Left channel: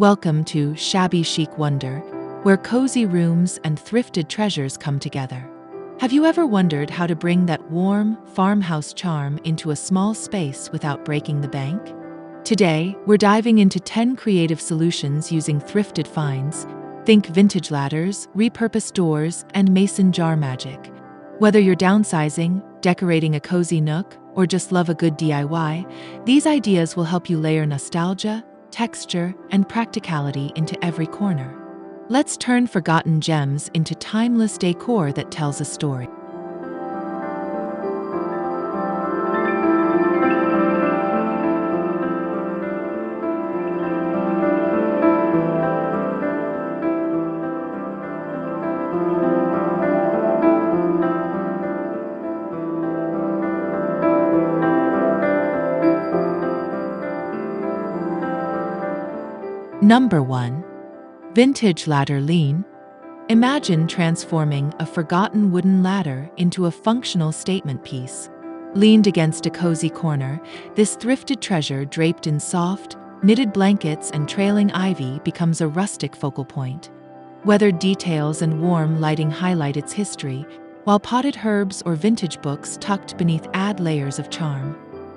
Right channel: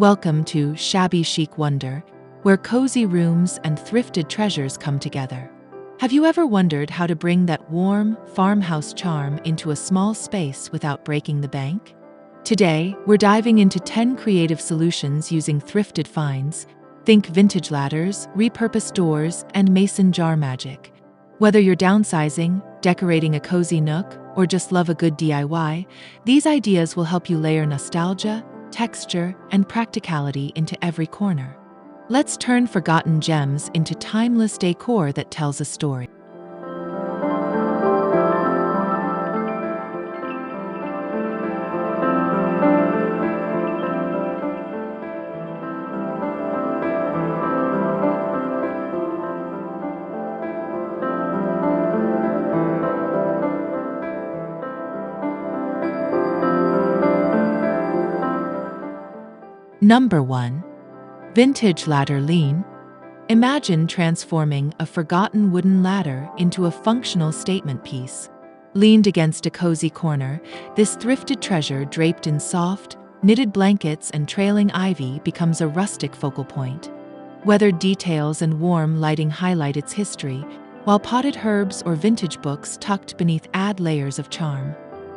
Welcome to Shabby Chic Wonder, where cozy rooms and thrifted treasures come together. Have you ever wondered how to bring that warm, farmhouse charm into a small space without breaking the bank? Today, we're diving into 10 creative solutions using thrifted finds. Think vintage ladders, repurposed doors, and mason jar magic. Whether you're downsizing, decorating a cozy nook, or just love a good DIY, these ideas will help you layer nostalgia, texture, and practicality into every corner. Let's turn forgotten gems into timeless decor that tells a story. Number 1. Vintage ladder lean. Imagine transforming a forgotten wooden ladder into a functional statement piece. Leaned against a cozy corner, this thrifted treasure draped in soft, knitted blankets and trailing ivy becomes a rustic focal point. Weathered details and warm lighting highlight its history, while potted herbs or vintage books tucked beneath add layers of charm.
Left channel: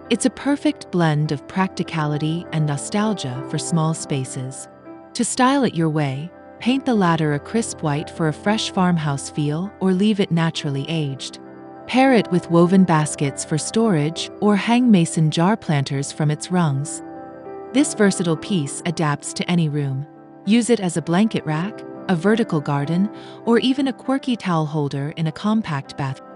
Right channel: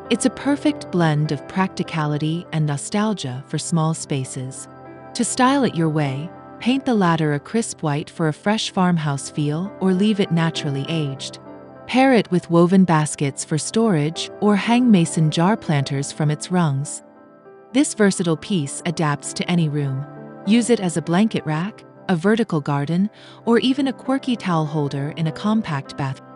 It's a perfect blend of practicality and nostalgia for small spaces. To style it your way, paint the ladder a crisp white for a fresh farmhouse feel or leave it naturally aged. Pair it with woven baskets for storage or hang mason jar planters from its rungs. This versatile piece adapts to any room. Use it as a blanket rack, a vertical garden, or even a quirky towel holder in a compact bathroom.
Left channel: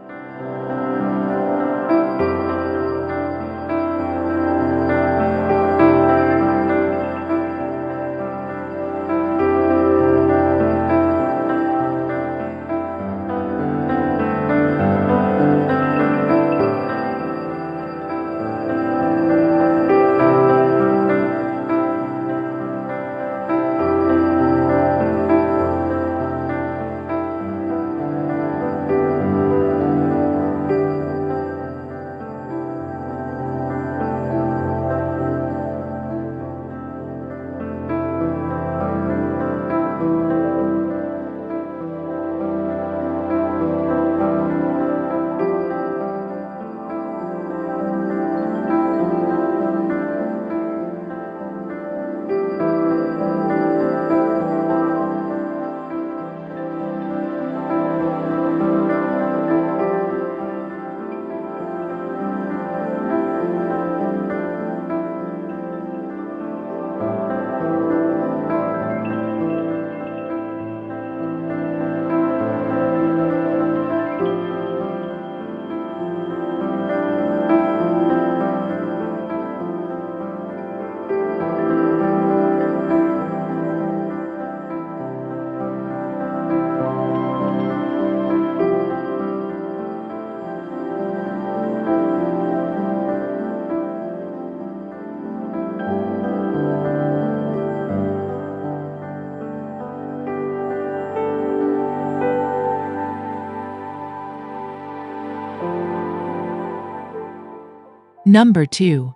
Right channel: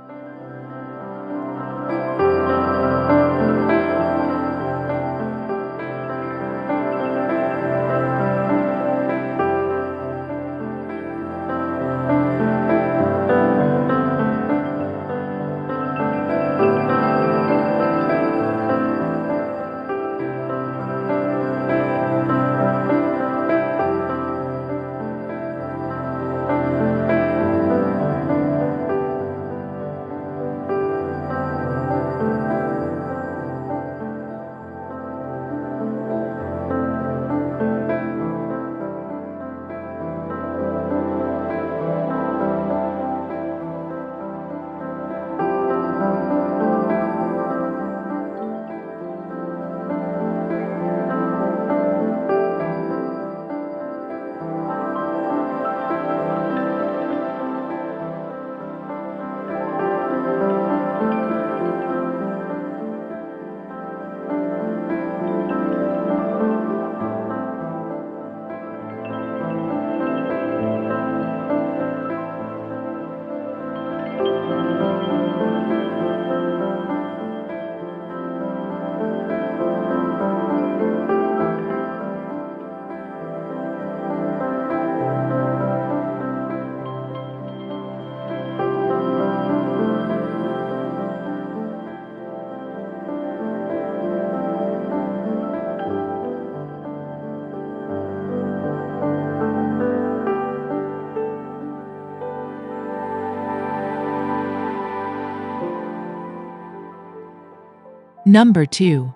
Number 2.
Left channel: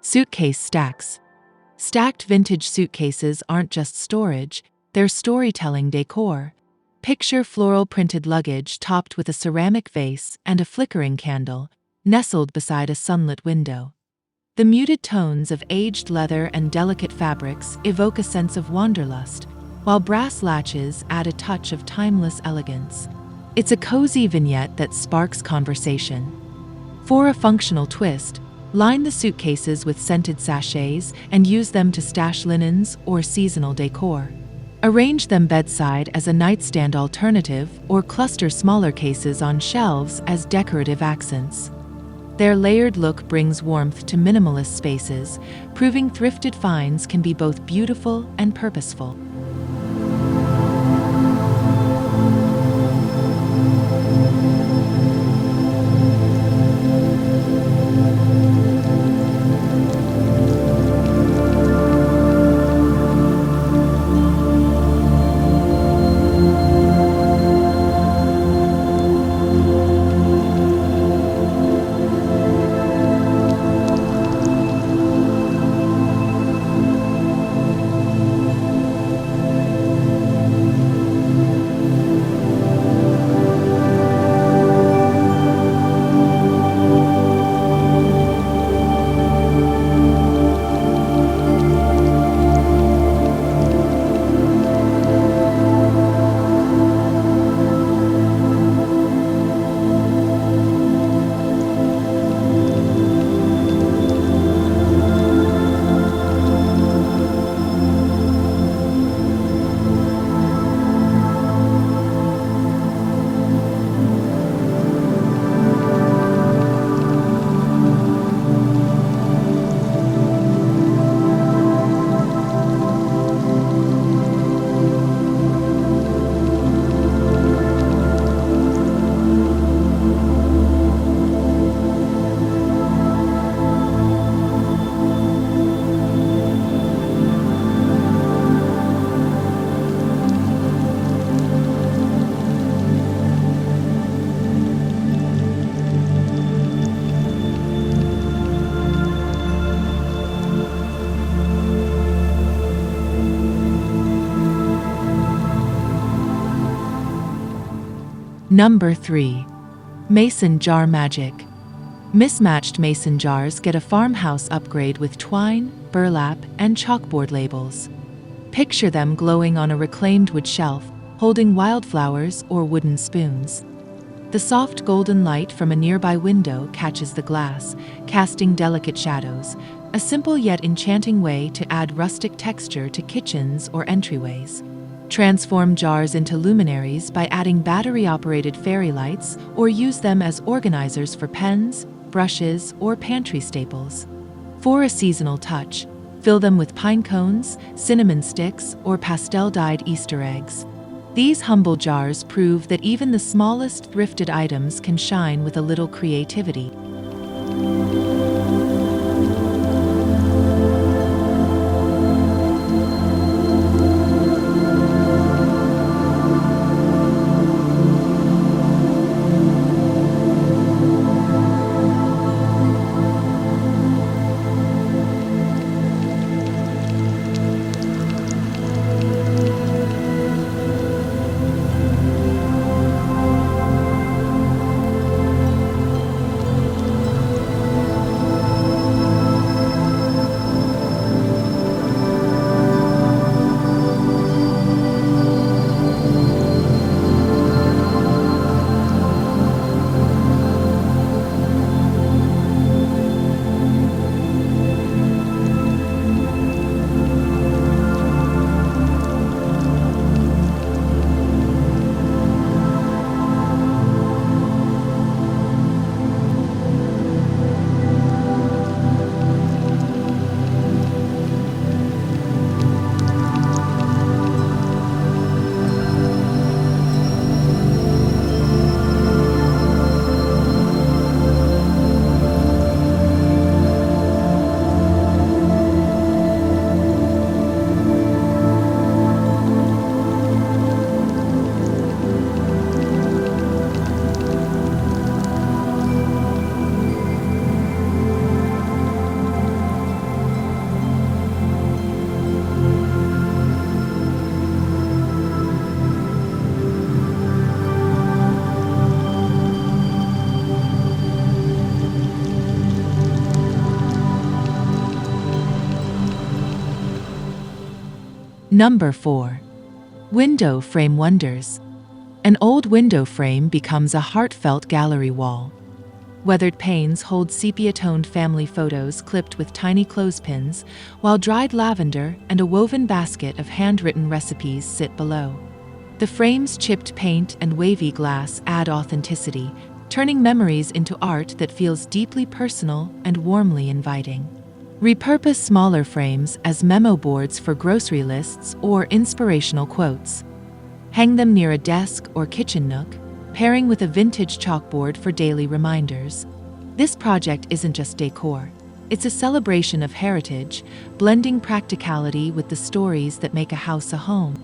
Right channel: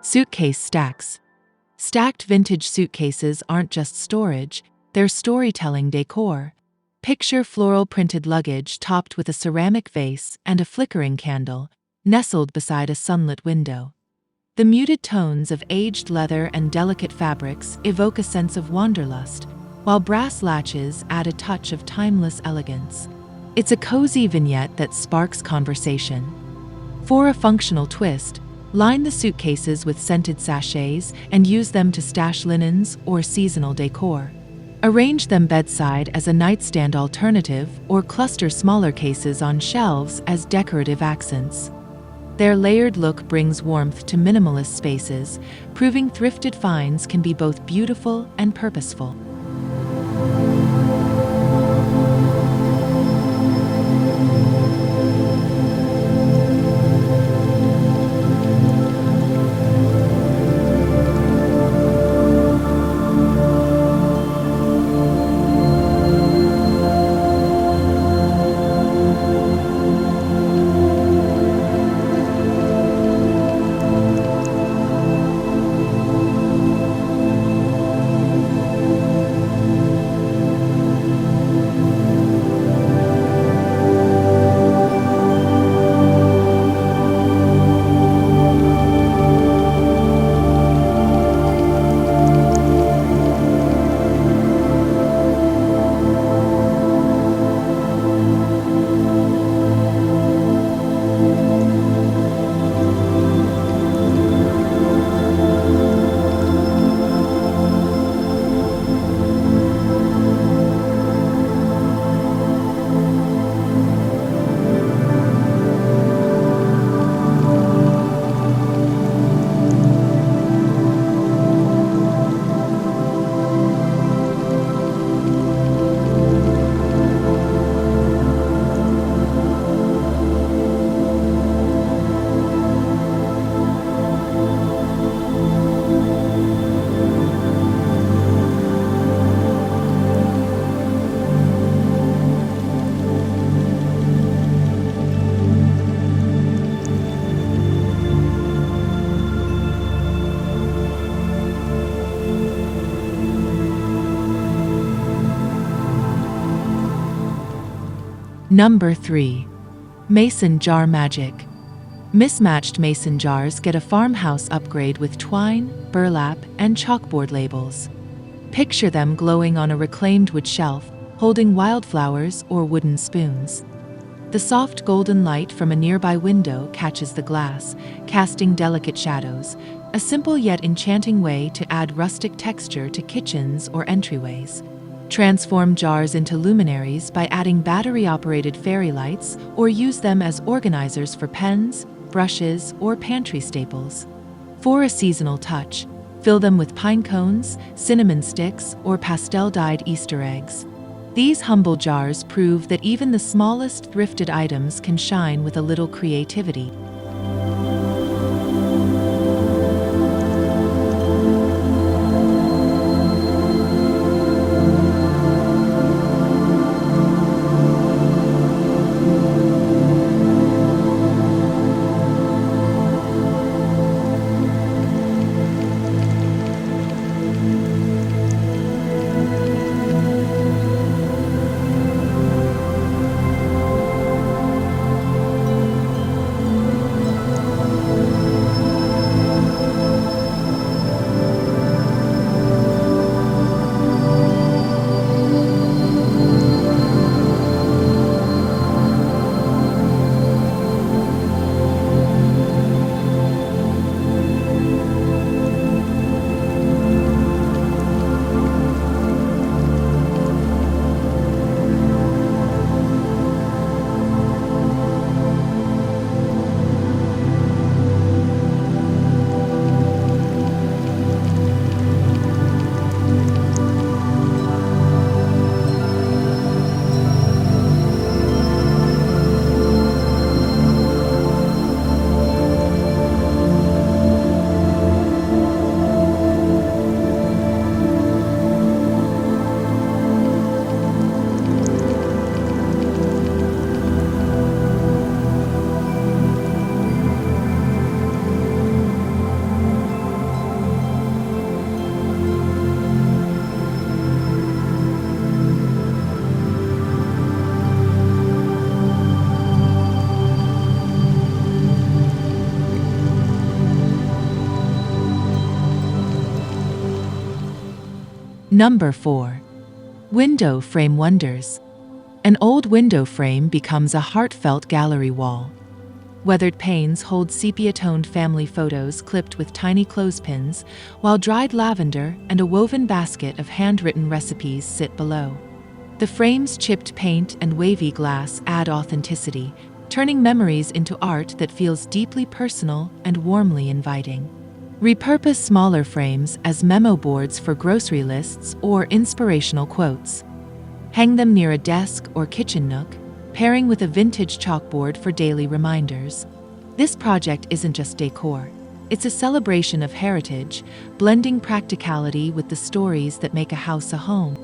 Suitcase stacks. Stacked vintage suitcases aren't just storage, they're storytelling decor. Picture floral printed luggage topped with a ceramic vase and a flickering candle, nestled beside a sunlit window. The muted tones of aged leather and delicate fabrics evoke a sense of wanderlust, while brass latches add a touch of timeless elegance. It's a cozy vignette that sparks conversation. For a functional twist, line the suitcases with scented sachets and use them to stash linens or seasonal decor. Arrange them bedside as a nightstand alternative or cluster smaller cases on shelves as decorative accents. Their layered look brings warmth to minimalist spaces, proving thrifted finds can be both beautiful and purposeful. Number 3. Mason Jar Magic. Mismatched mason jars get a farmhouse upgrade with twine, burlap, and chalkboard labels. Picture them glowing on a reclaimed wood shelf, holding wildflowers or wooden spoons. The soft golden light from a nearby window catches the glass, casting delicate shadows, a simple yet enchanting way to add rustic texture to kitchens or entryways. Transform jars into luminaries by adding battery-operated fairy lights or use them as organizers for pens, brushes, or pantry staples. For a seasonal touch, fill them with pine cones, cinnamon sticks, or pastel-dyed Easter eggs. These humble jars prove that even the smallest thrifted items can shine with a little creativity. Number 4. Window Frame Wonders. An old window frame becomes a heartfelt gallery wall. Weathered panes hold sepia-toned family photos clipped with tiny clothespins, while dried lavender and a woven basket of handwritten recipes sit below. The frame's chipped paint and wavy glass add authenticity, turning memories into art that feels deeply personal and warmly inviting. Repurpose smaller frames as memo boards for grocery lists or inspirational quotes. Hang them near a desk or kitchen nook, pairing with a vintage chalkboard for daily reminders. This project isn't just decor. It's a celebration of heritage, blending practicality with the stories that make a house a home.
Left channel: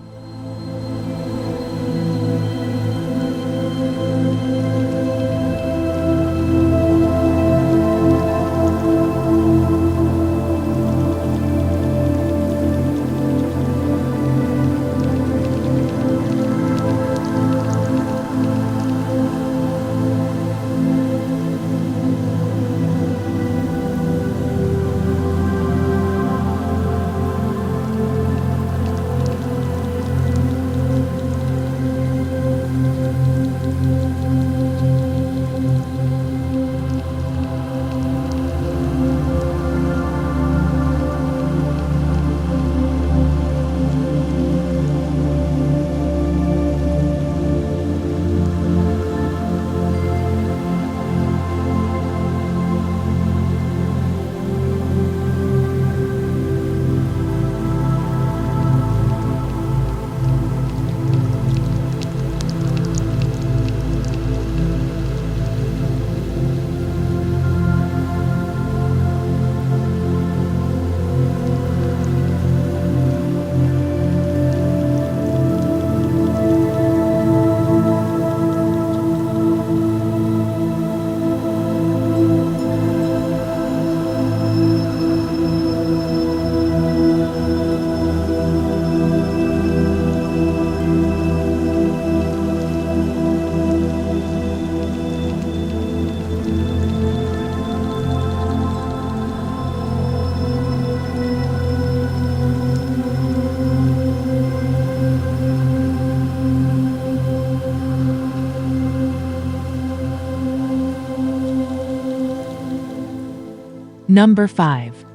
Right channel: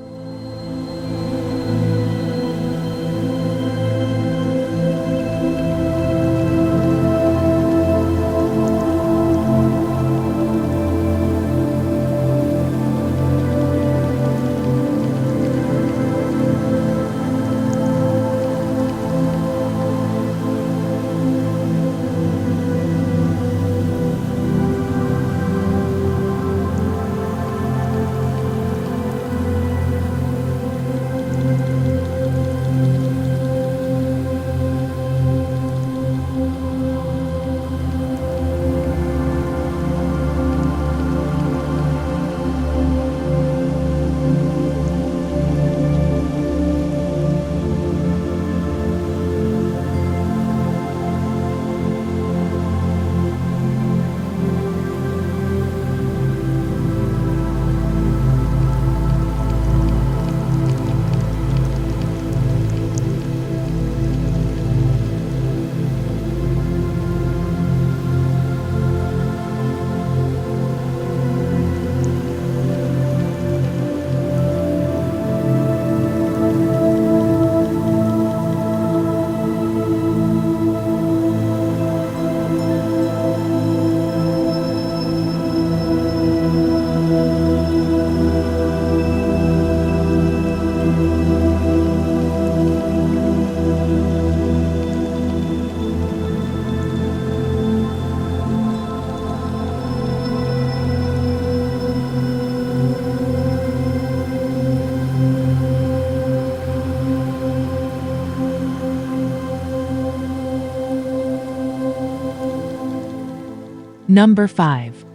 Number 5.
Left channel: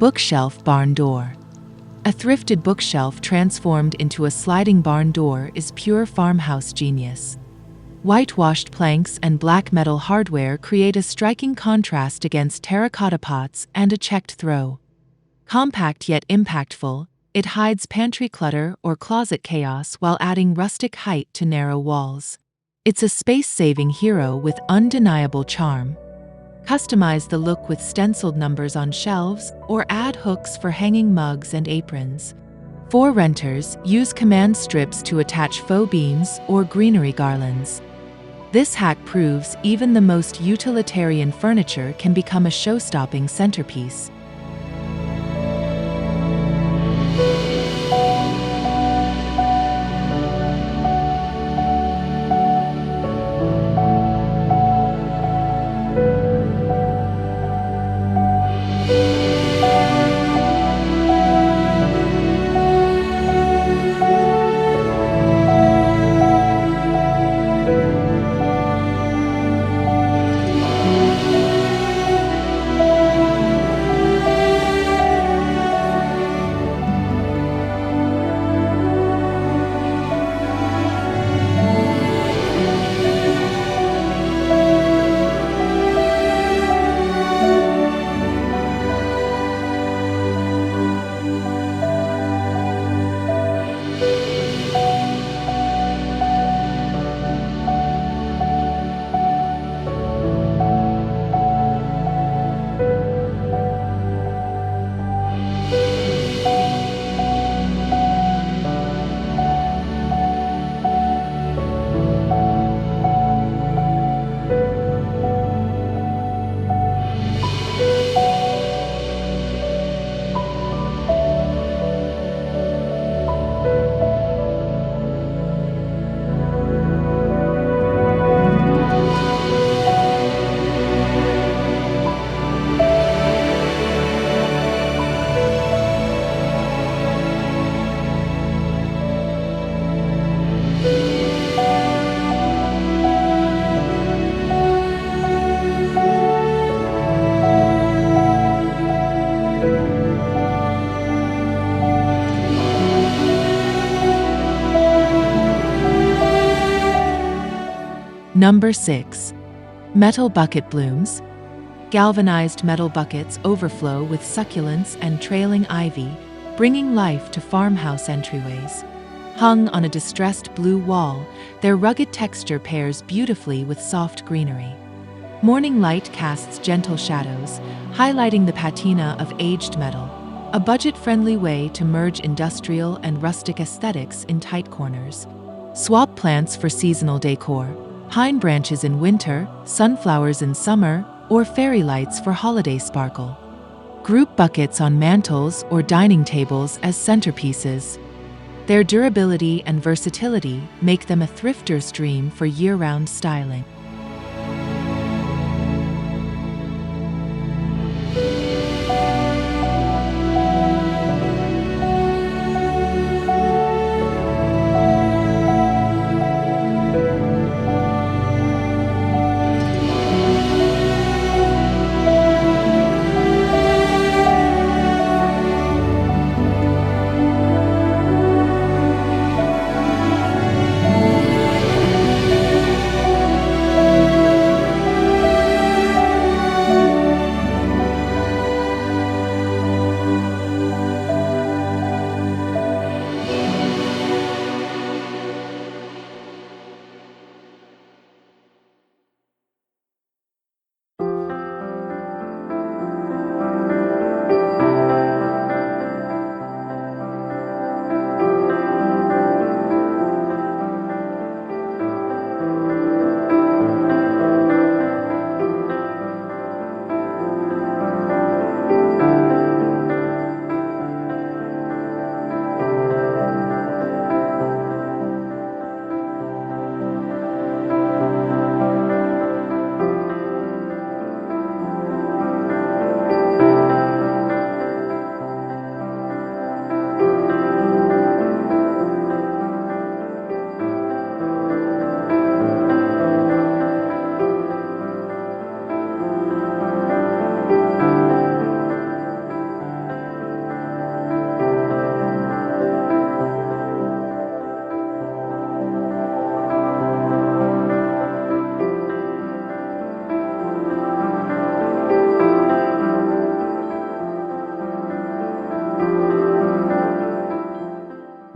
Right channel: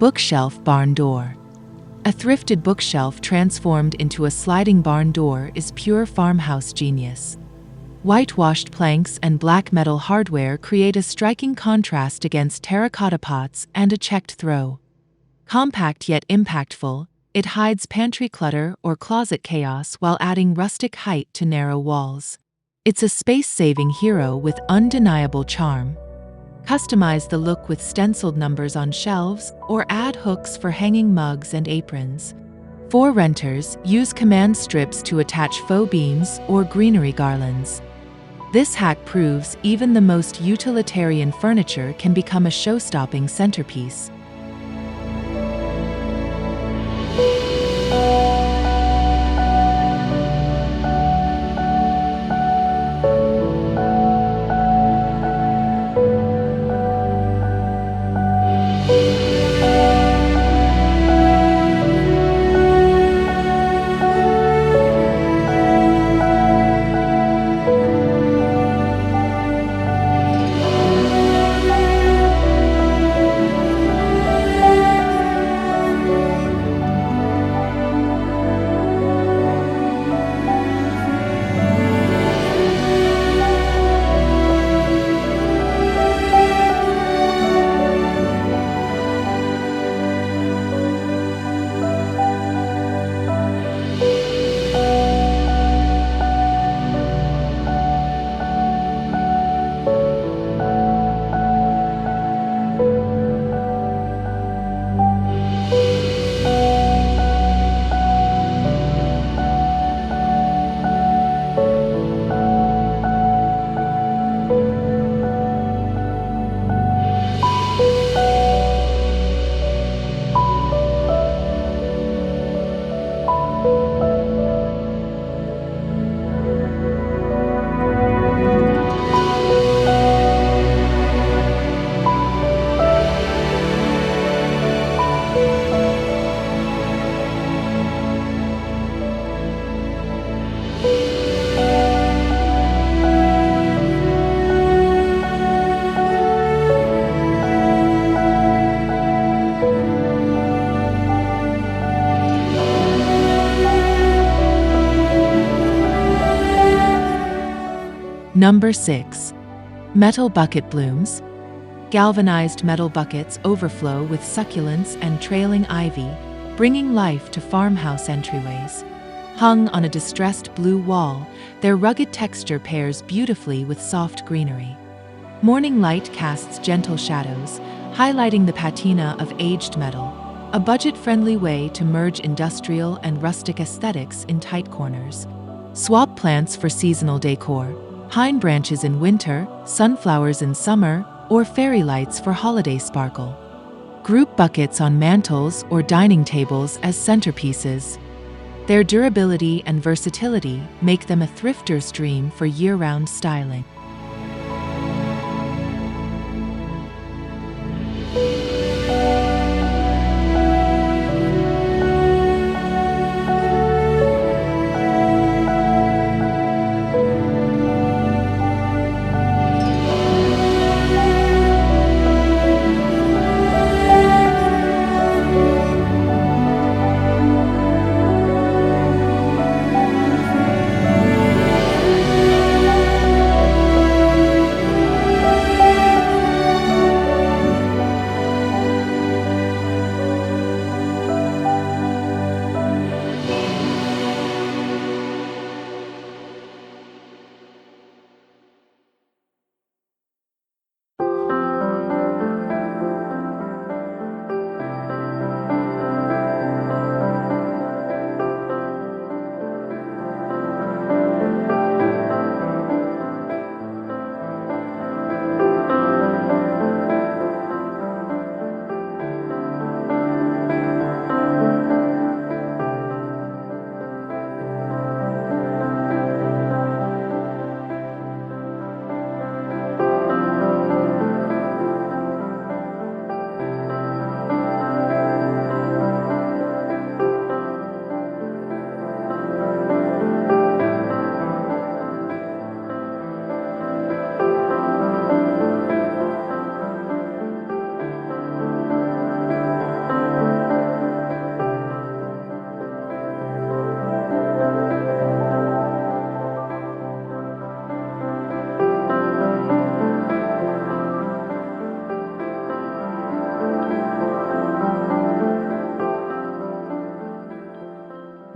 Bookshelf barn door. A thrifted bookshelf transformed into a sliding barn door is pure farmhouse genius. Whitewashed planks and black metal hardware create a striking contrast against terracotta pots and a checked throw. Compact yet impactful, it hides pantry clutter or closet chaos while adding rustic height to narrow walls. It's a space-saving hero with undeniable charm. Customize the look with stenciled numbers on shelves or add hooks for hanging mugs and aprons. For renters, use command strips to attach faux beams or greenery garlands. This hack proves even the most utilitarian furniture can become a show-stopping centerpiece. Number 6. Metal bucket blooms. Galvanized metal buckets overflow with succulents and trailing ivy, bringing life to farmhouse entryways. Hung on a distressed blue wall, their rugged texture pairs beautifully with soft greenery. Morning light casts gentle shadows, highlighting the patina of aged metal, a budget-friendly way to merge industrial and rustic aesthetics in tight corners. Swap plants for seasonal decor. Pine branches in winter, sunflowers in summer, or fairy lights for holiday sparkle. Group buckets on mantels or dining tables as centerpieces. Their durability and versatility make them a thrifter's dream for year-round styling.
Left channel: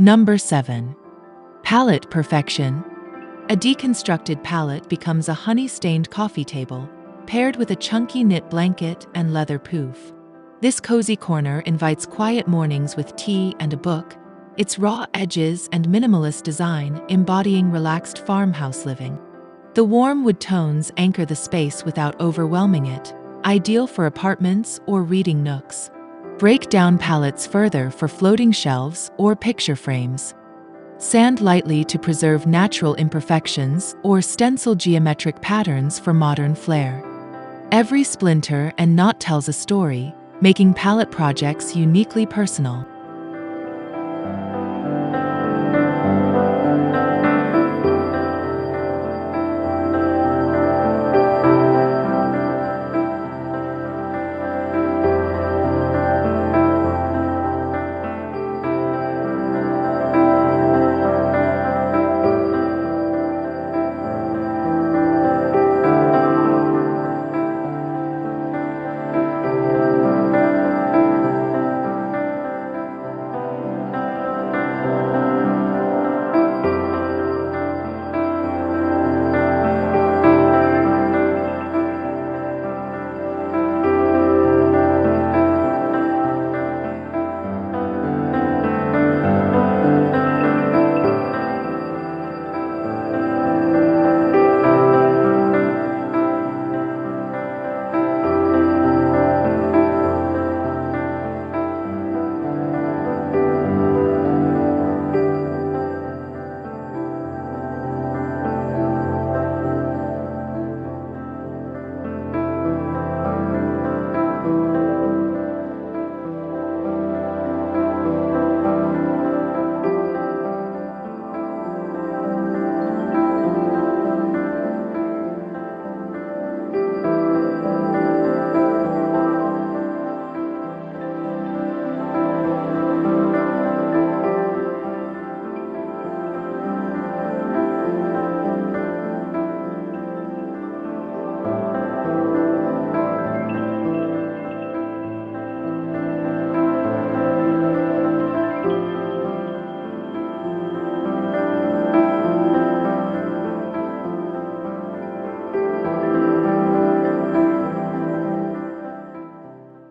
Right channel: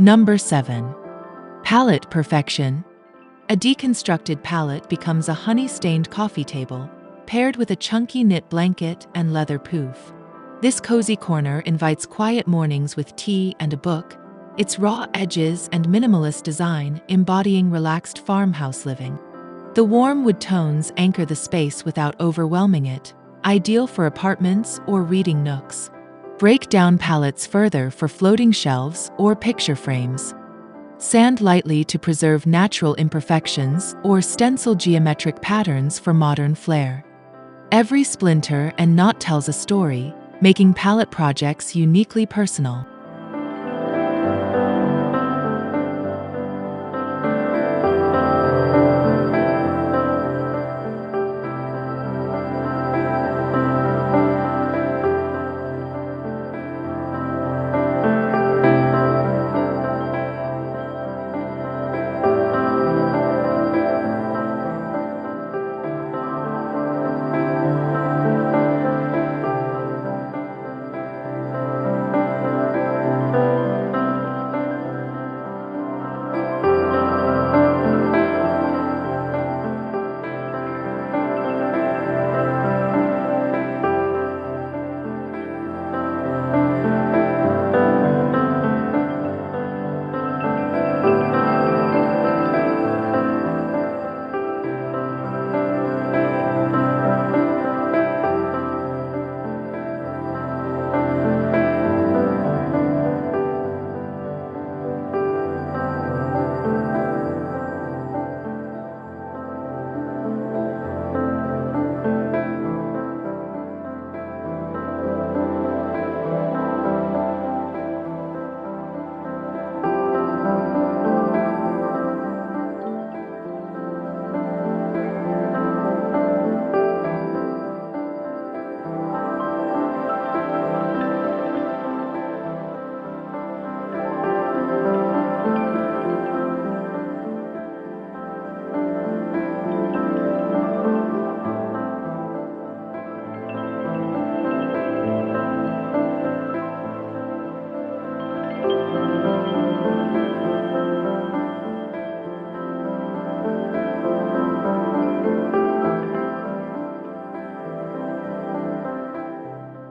Number 7. Pallet Perfection. A deconstructed pallet becomes a honey-stained coffee table, paired with a chunky knit blanket and leather poof. This cozy corner invites quiet mornings with tea and a book, its raw edges and minimalist design embodying relaxed farmhouse living. The warm wood tones anchor the space without overwhelming it, ideal for apartments or reading nooks. Break down pallets further for floating shelves or picture frames. Sand lightly to preserve natural imperfections or stencil geometric patterns for modern flair. Every splinter and knot tells a story, making pallet projects uniquely personal.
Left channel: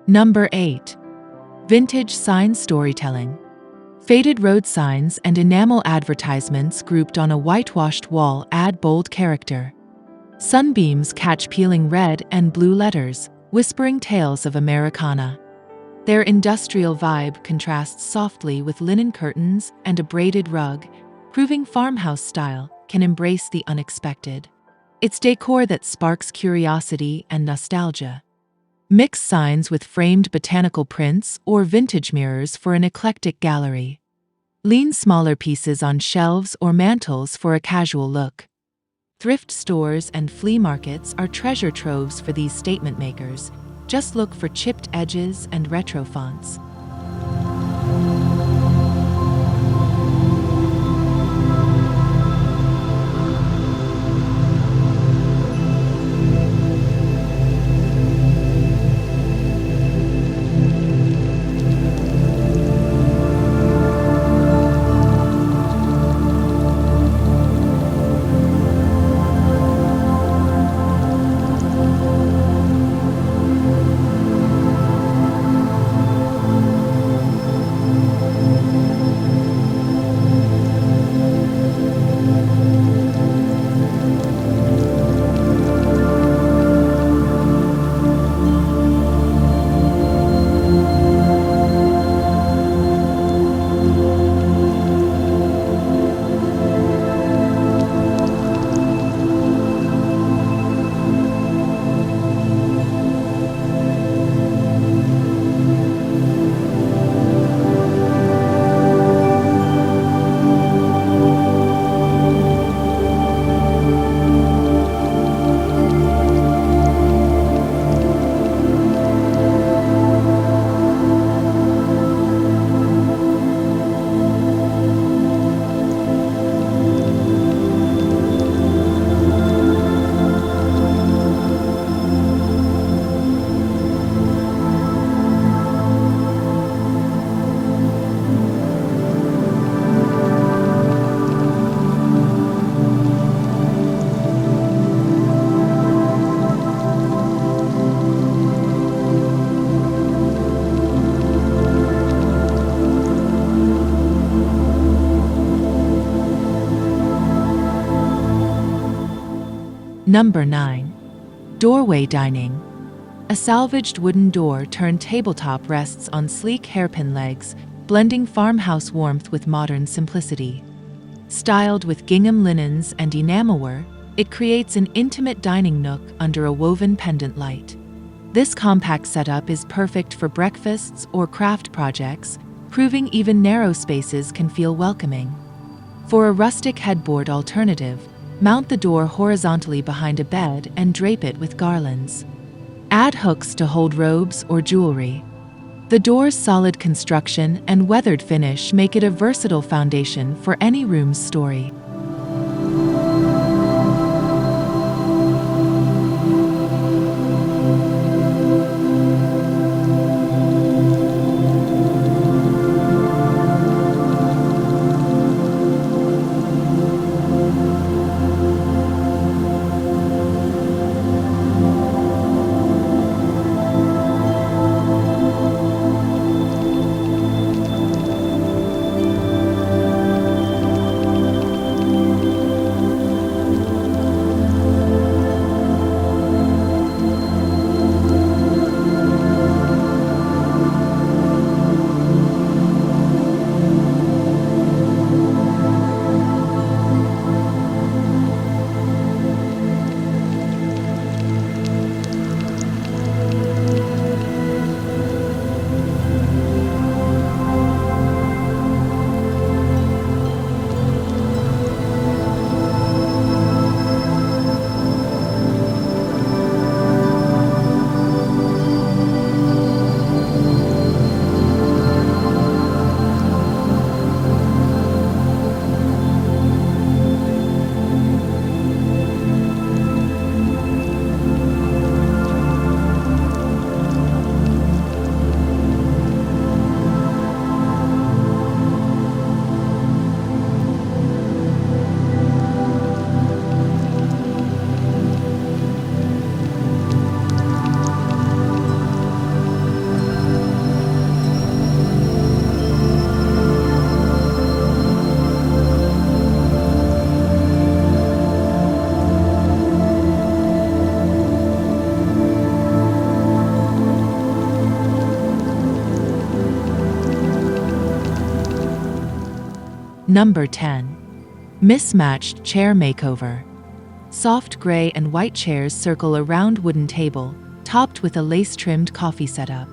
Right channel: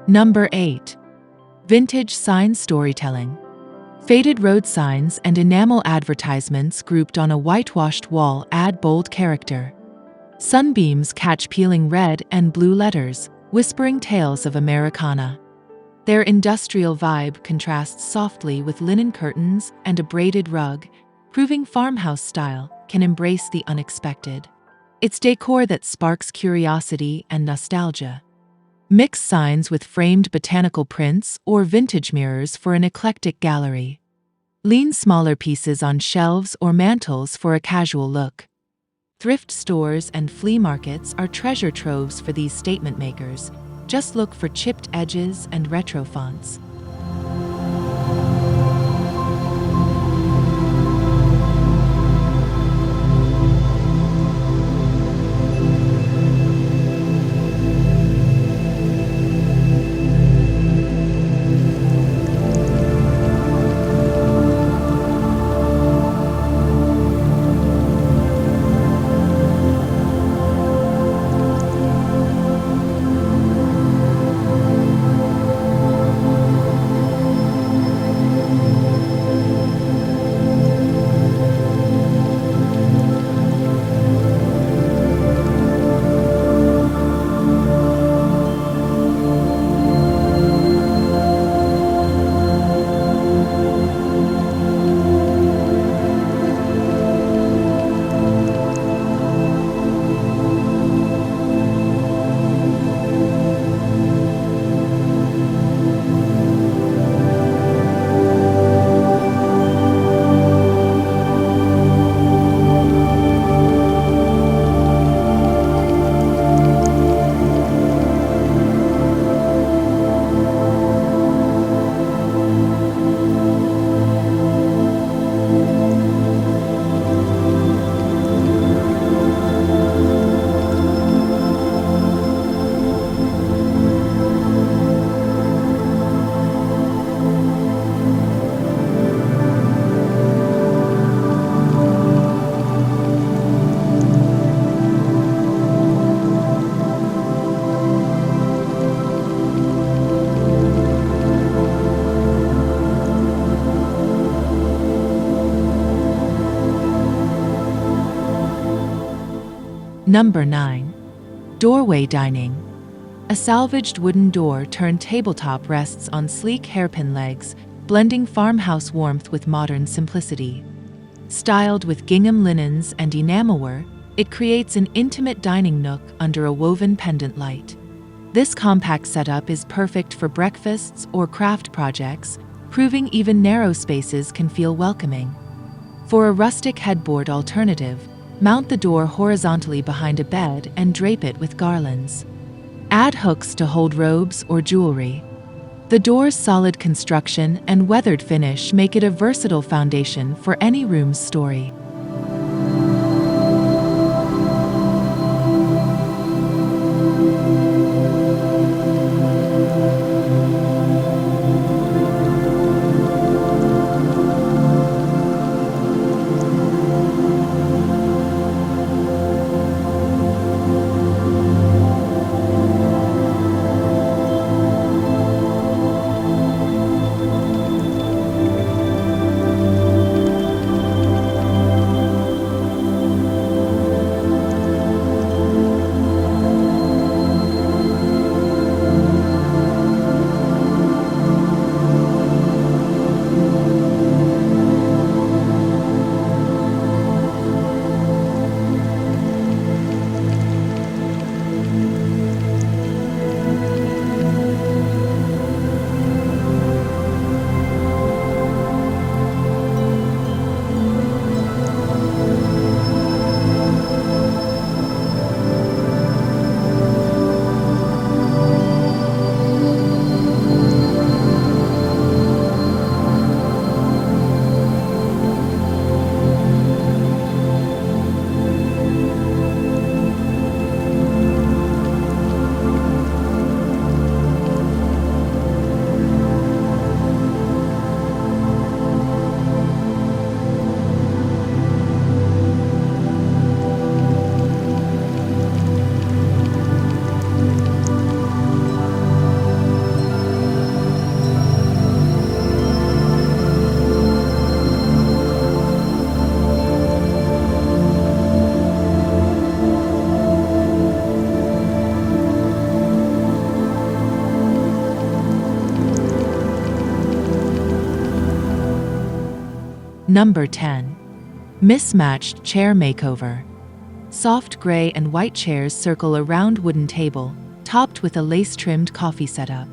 Number 8. Vintage sign storytelling. Faded road signs and enamel advertisements grouped on a whitewashed wall add bold character. Sunbeams catch peeling red and blue letters, whispering tales of Americana. Their industrial vibe contrasts softly with linen curtains and a braided rug, proving farmhouse style can embrace the unexpected. It's decor that sparks curiosity and nostalgia. Mix signs with framed botanical prints or vintage mirrors for an eclectic gallery. Lean smaller pieces on shelves or mantels for a casual look. Thrift stores and flea markets are treasure troves for these statement makers. Just look for chipped edges and retro fonts. Number 9. Doorway dining. A salvaged wooden door turned tabletop rests on sleek hairpin legs, blending farmhouse warmth with modern simplicity. Styled with gingham linens and enamelware, it creates an intimate dining nook under a woven pendant light. This compact setup is perfect for breakfasts or craft projects, proving even narrow spaces can feel welcoming. For a rustic headboard alternative, mount the door horizontally behind a bed and drape it with garlands. Add hooks to hold robes or jewelry. The door's solid construction and weathered finish make it a versatile foundation for any room's story. Number 10. Mismatched Chair Makeover. Soft gray and white chairs circle a round wooden table, topped with a lace-trimmed coffee setup.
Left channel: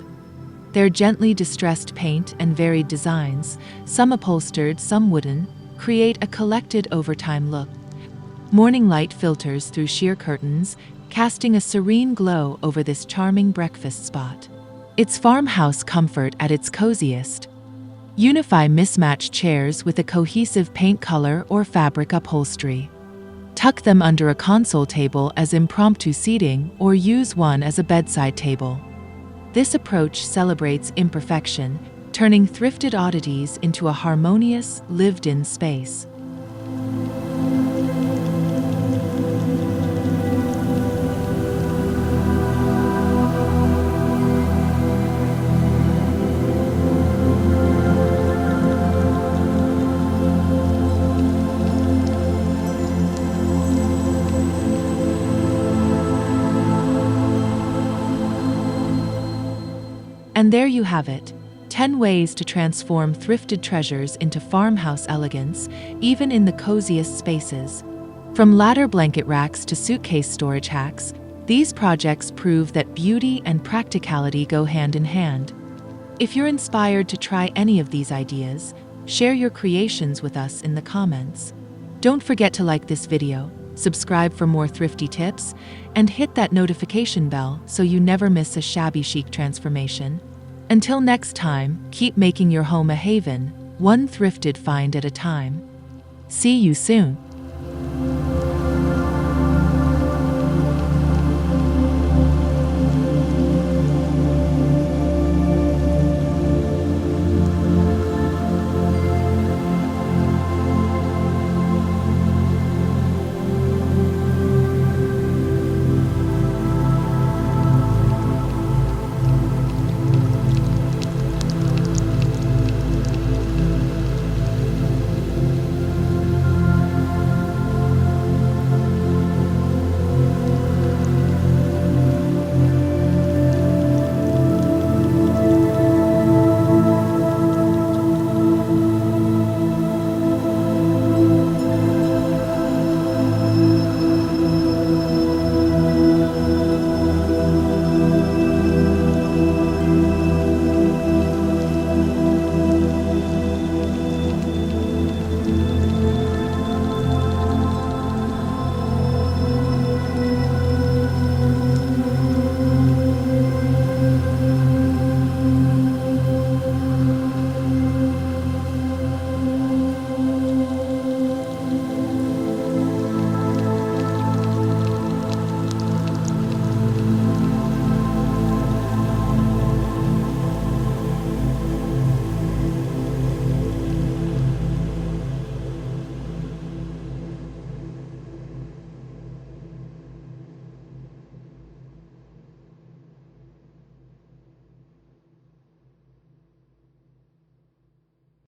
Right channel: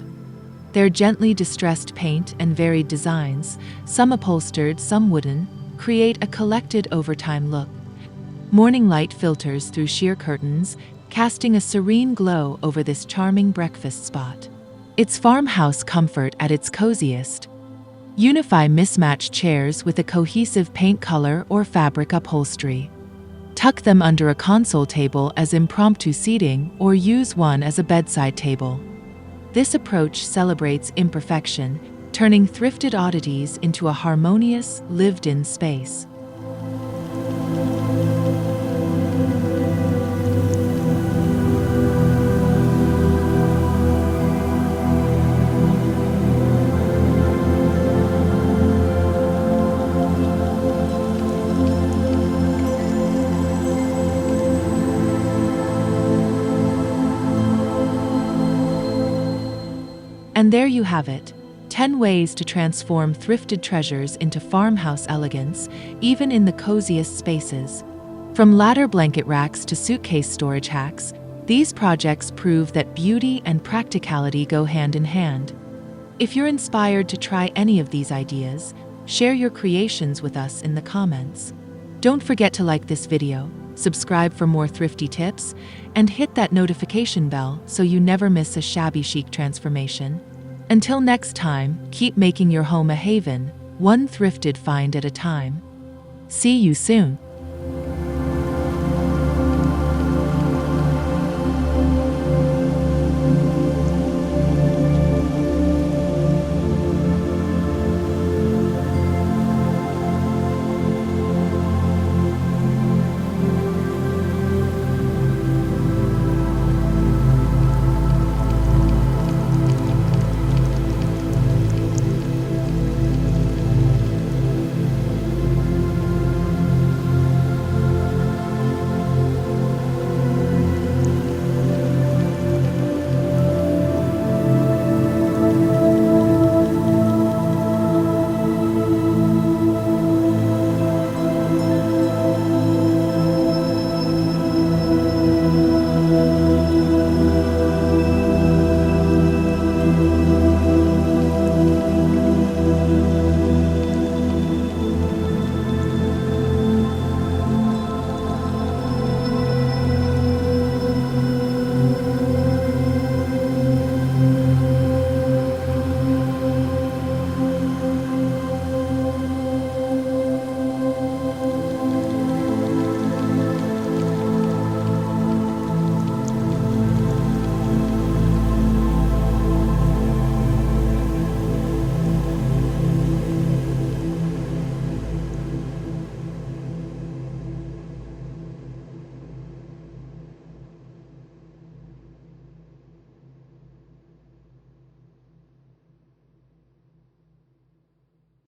Their gently distressed paint and varied designs, some upholstered, some wooden, create a collected overtime look. Morning light filters through sheer curtains, casting a serene glow over this charming breakfast spot. It's farmhouse comfort at its coziest. Unify mismatched chairs with a cohesive paint color or fabric upholstery. Tuck them under a console table as impromptu seating or use one as a bedside table. This approach celebrates imperfection, turning thrifted oddities into a harmonious, lived-in space. And there you have it, 10 ways to transform thrifted treasures into farmhouse elegance, even in the coziest spaces. From ladder blanket racks to suitcase storage hacks, these projects prove that beauty and practicality go hand in hand. If you're inspired to try any of these ideas, share your creations with us in the comments. Don't forget to like this video, subscribe for more thrifty tips, and hit that notification bell so you never miss a shabby chic transformation. Until next time, keep making your home a haven, one thrifted find at a time. See you soon.